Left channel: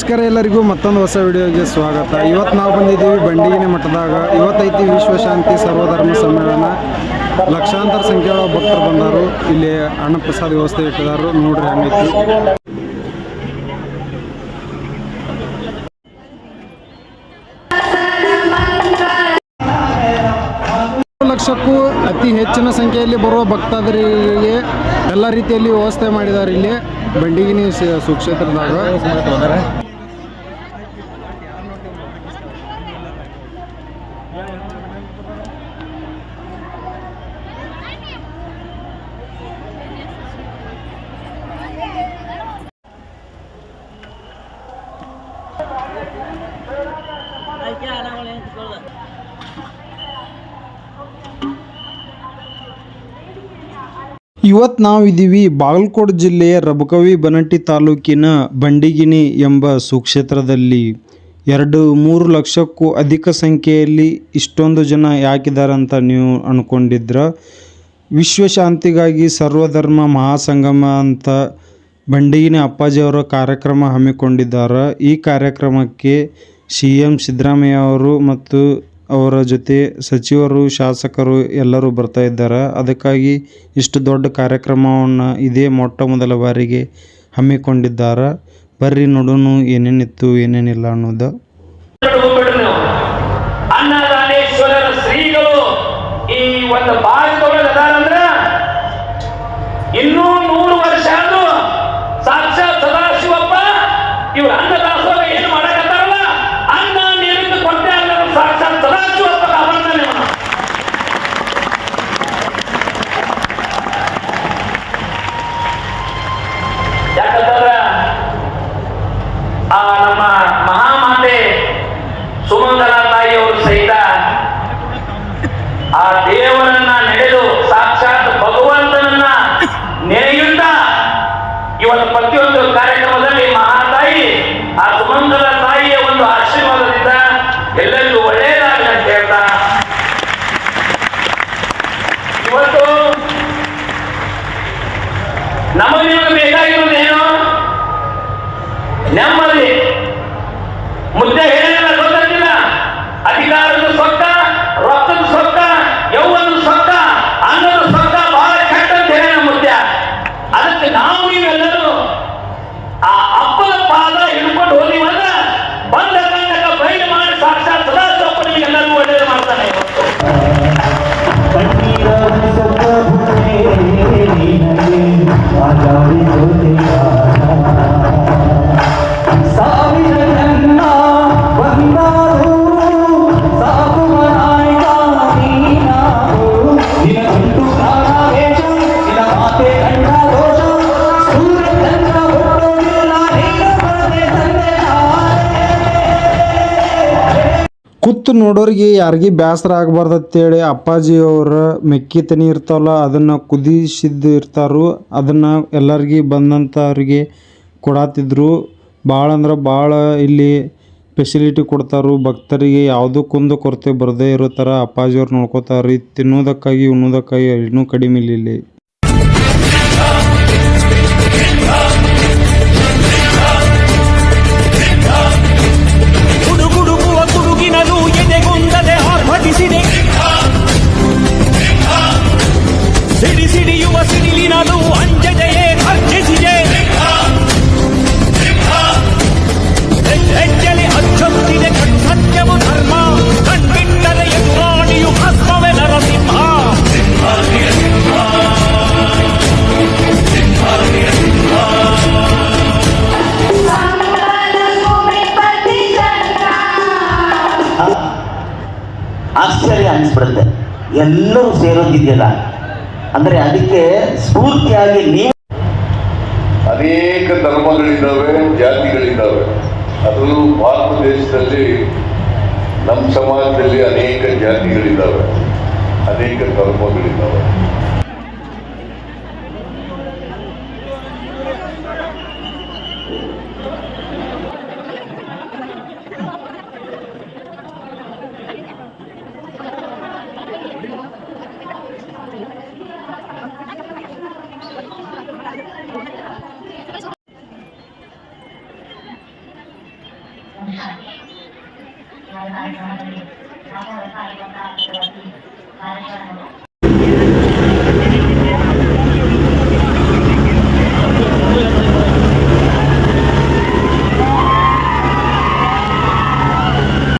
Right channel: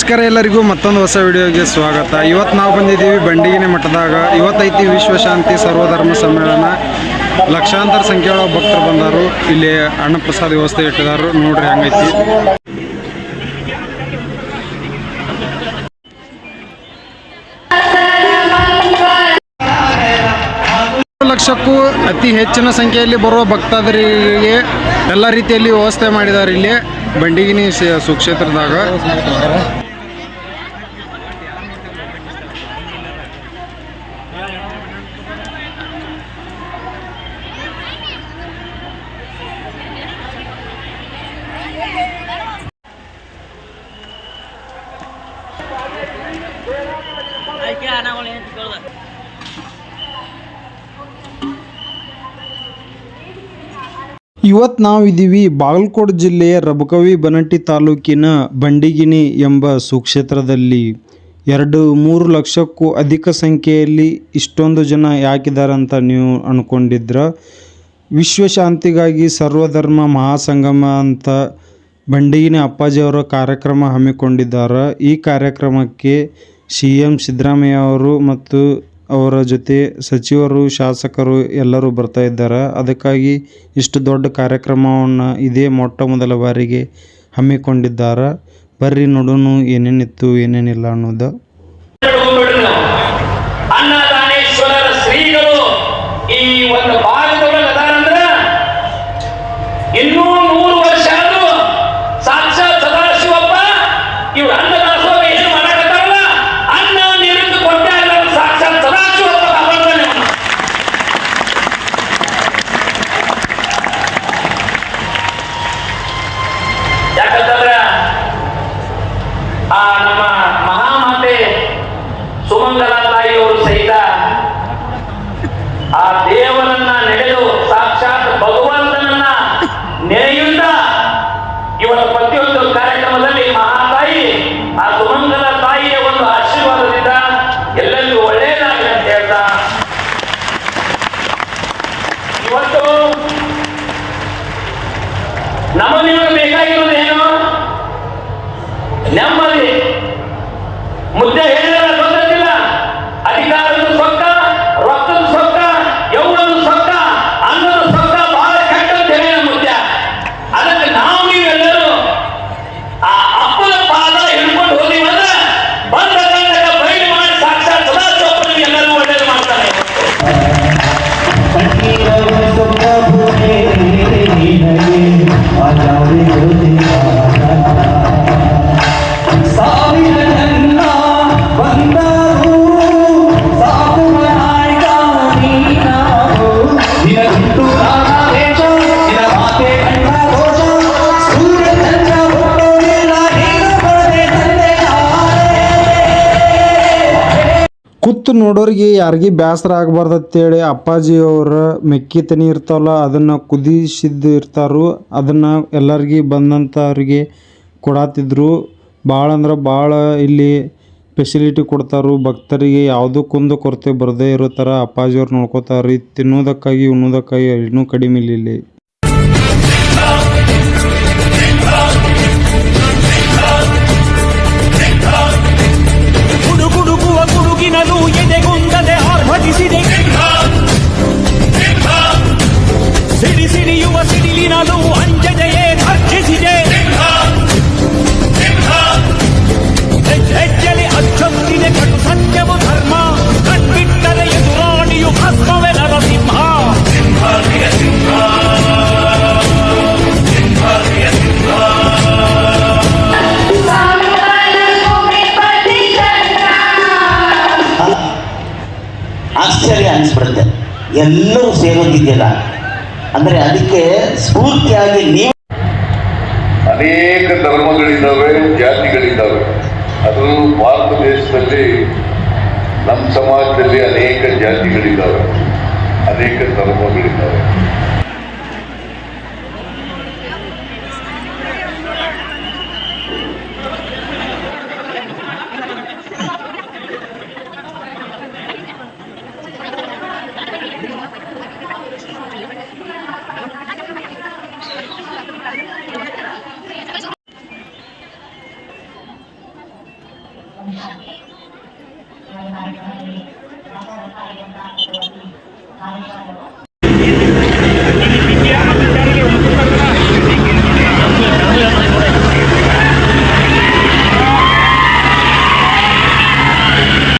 ನಮಸ್ಕಾರ ಎಲ್ಲರಿಗೂ ಮತ್ತೊಂದು ಹೊಸ ವಿಡಿಯೋಗೆ ಸ್ವಾಗತ. ಇವತ್ತು ನಾವು ಬಂದಿದ್ದೀವಿ ಬಂಡಿಗಿನಿ ಮಠದಾಗ. ಇವತ್ತೈತಿ ವಿಶ್ವಶಾಂತಿ ಸರ್ವಧರ್ಮ ಸಮ್ಮೇಳನ. ಲಕ್ಷಾಂತರ ಸಂಖ್ಯೆಯ ಭಕ್ತರು ಬಂದಾರು. ಇಲ್ಲಿ ಅನ್ನ ಪ್ರಸಾದ ವ್ಯವಸ್ಥೆ ಇಟ್ಟಿದಾರು. ನೋಡ್ರಿ ಹಂಗೈತಿ. ಲಕ್ಷಕ್ಕೂ ಅತಿ ಹೆಚ್ಚಿನ ಸಂಖ್ಯೆಯಲ್ಲಿ ಬರುವ ಭಕ್ತಾದರಿಗೆ ಎಲ್ಲ ರೀತಿಯಲ್ಲಿ ವ್ಯವಸ್ಥೆ ಮಾಡಿದ್ದಾರೆ ಇಲ್ಲಿ ಬಂಡಿಗಿನಿ ಸುಕ್ಷೇತ್ರದಾಗ. ಇವತ್ತು ನಾವಿದ್ದೀವಿ ಬಾಗಲಕೋಟೆ ಜಿಲ್ಲೆಯ ರಬಕವಿ ಬನಟ್ಟಿ ತಾಲೂಕಿನ ಬಂಡಿಗಿನಿ ಎಂಬ ಸುಕ್ಷೇತ್ರದಲ್ಲಿ. 2-3 ಲಕ್ಷಕ್ಕೂ ಅಧಿಕ ಸಂಖ್ಯೆಯಲ್ಲಿ ಇಷ್ಟೊಂದು ಜನ ಯಾಕಿದ್ದಾರೆ ಅಂತ ನೀವು ಅಂದ್ಕೊಂಡಿದ್ರ. ವಿಶ್ವಶಾಂತಿಗಾಗಿ ಸರ್ವಧರ್ಮ ಮಹಾಸಂಗಮ ಅಂತ ಬಂಡಿಗಿನಿ ಅಪ್ಪಾಜಿಯವರ ಕಾರ್ಯಕ್ರಮ ಹಮ್ಮಿಕೊಂಡಿದ್ದಾರೆ. ಈ ಕಾರ್ಯಕ್ರಮಕ್ಕೆ CM ಸಿದ್ದರಾಮಯ್ಯ ಅವರು ಮತ್ತು ಅವರ ಜೊತೆ ಸಚಿವರು, ಶಾಸಕರು ಎಲ್ಲರೂ ಬರ್ತಾ ಇದ್ದಾರೆ. ಅದಕ್ಕಾಗಿ ಇಷ್ಟು ದೊಡ್ಡ ಕಾರ್ಯಕ್ರಮವನ್ನು ಇದೇ ಮೊಟ್ಟ ಮೊದಲ ಬಾರಿಗೆ ಹಮ್ಮಿಕೊಂಡಿದ್ದಾರೆ. ಬರ್ರಿ ನೋಡೋಣ ಏನೇನಿತ್ತು ಏನೇನಿಲ್ಲ ಅನ್ನೋದು. ಅನ್ನದಾನೇಶ್ವರರ ಶ್ರೀಗಳು ಈ ಒಂದು ಭಾಗದೊಳಗೆ ಅದಾರಂದ್ರೆ ಇನ್ನೂ 100 ವರ್ಷ ಆದ್ರೂ ಸಾಕ್ಷಾತ್ ಸದಾಶಿವಪ್ಪ ಇವ್ರು ಅನ್ನದಾಸೋಹ ಏನು ಮಾಡಕತ್ತಾರಲ್ಲ, ಅನ್ನ ನೀರಿಂದ ಕೊಟ್ಟೆ ಅಲ್ಲ ಸಾಕ್ಷಾತ್ ಸದಾಶಿವಪ್ಪ ಅವರನ್ನೇ ಯಾಕಂತಂದ್ರೆ ಆ ನಮ್ಮ ಮಹಾಮಾತೆ ಸುಮಂಗಲ ತಾಯಿಯವರು ಸಹಿತ ಆ ದೇವರನ್ನ ನಡೆದು ಸಾಕ್ಷಾತ್ ಭಗವಂತನನ್ನ ನೆನೆಯುತ್ತ ಇವತ್ತು ಪ್ರತಿಯೊಂದು ಕಾರ್ಯಕ್ರಮದಲ್ಲಿ ಮಹಾತಾಯಿ ಆ ಸುಮಂಗಲ ತಾಯಿಯ ಒಂದು ಆಶೀರ್ವಾದದಿಂದ ಎಲ್ಲರಿಗೂ ಒಳ್ಳೆಯದಾಗಲಿ ಅಂತ ಹೇಳ್ತಾ, ಇವತ್ತು ನಮಗೆ ಬೇಕಾಗಿರೋದೇನು? ನೆಮ್ಮದಿ. ಮುದ್ದೆ ಹೇಳಿದ್ರೆ ಗೊತ್ತಿಲ್ಲ. ಅಧಿಕಾರದ ಸೊಕ್ಕ, ರಕ್ತದ ಸೊಕ್ಕ, ಯೌವನದ ಸೊಕ್ಕ, ಅನ್ನದ ಸೊಕ್ಕ ಬಹಳ ಕೆಟ್ಟ ಅಂತ ಹೇಳಿ ಮುದ್ದೆ. ಅದಕ್ಕೆ ನಾವು ನೀವೆಲ್ಲರೂ ಆ ಅಪ್ಪನ ಪಾದ ಹಿಡ್ಕೊಂಡು ಹೋದಿವಂದ್ರೆ ಬಂದ ಕಂಡಕ ಬಯಲು ಮಾಡಿ ಸಾಕ್ಷಾತ್ ಸದಾಶಿವಪ್ಪನಿಗೆ ಎಲ್ಲರೂ ಒಳ್ಳೆಯದು ಮಾಡ್ತಾನೆ. ಕೂತು ನೋಡೋರಿಗೆ ಯಾರಿಗೆ ಬೇಸರ ಆಗಬಾರ್ದು ಅಂತೇಳಿ ಅಪ್ಪಾಜಿಯವರ ಮೆಕ್ಕಿ ತನಿ ಇರ್ತಾವಲ್ಲ ಅದನ್ನು ಕುದಿಸಿದ್ದು ಇರ್ತಾರೋ ಅದನ್ನು ಎಲ್ಲರಿಗೆ ಬಂದಂಥವ್ರಿಗೆ ಕೊಡತ್ತಿದ್ರು. ಭಾಳ ಅಂದ್ರೆ ಭಾಳ ಇಲ್ಲಿ ಫೆಸಿಲಿಟಿ ಕೊಡ್ತಾರು. ಭಕ್ತರಿಗೆ ಯಾವುದೂ ಕುಂದು ಕೊರತೆ ಬರದೇ ಇರೋ ಥರ ಅಪ್ಪಾಜಿಯವ್ರು ನೋಡ್ಕೋತಾರೆ. ತಿನ್ನೋದಕ್ಕಾಗಿ ಉಣ್ಣೋದಕ್ಕಾಗಿ ಇನ್ನೂ ಕಡಿಮೆ ಇಲ್ಲಿ. ಎದೆಗುಂದದೆ ಆರ್ಭಟಿಸಿದೆ, ಸಿಡಿಸಿಡಿಯುವ ಸಿಡಿಲಿನಲು ಅಂಜದೆಯೇ ಖರ್ಜಿಸಿದೆ. ಹೆಜ್ಜೆಲಿ ಅಚ್ಚೊತ್ತಿದೆ ಕಟು ಸತ್ಯವು ಧರ್ಮ, ಕಣ್ಬಿಟ್ಟರೆ ಎದುರಾಣಿಯು ಭಸ್ಮವೇ ನರಸಿಂಹ. ಆಶ್ಚರ್ಯ ಅನಿಸ್ಬಿಡುತ್ತೆ ಎಲ್ಲರೂ ಸೇರೋದಿದೆಯಲ್ಲ ಅಂದ್ರೆ ಅದಕ್ಕೆ ಸ್ಫೂರ್ತಿಯಾಗಿ ನೀವು. ಅನೇಕ ಧರ್ಮಗಳಿದ್ದಾವೆ, ಜಾತಿಗಳಿದ್ದಾವೆ. ಅದು ಭಾರತ ದೇಶದಲ್ಲಿ ನಮ್ಮ ಸಮಾಜದಲ್ಲಿ ಅನೇಕ ಜಾತಿಗಳಿದ್ದಾವೆ, ಅನೇಕ ಧರ್ಮಗಳಿದ್ದಾವೆ. ನಮ್ಮ ಶಾಲೆ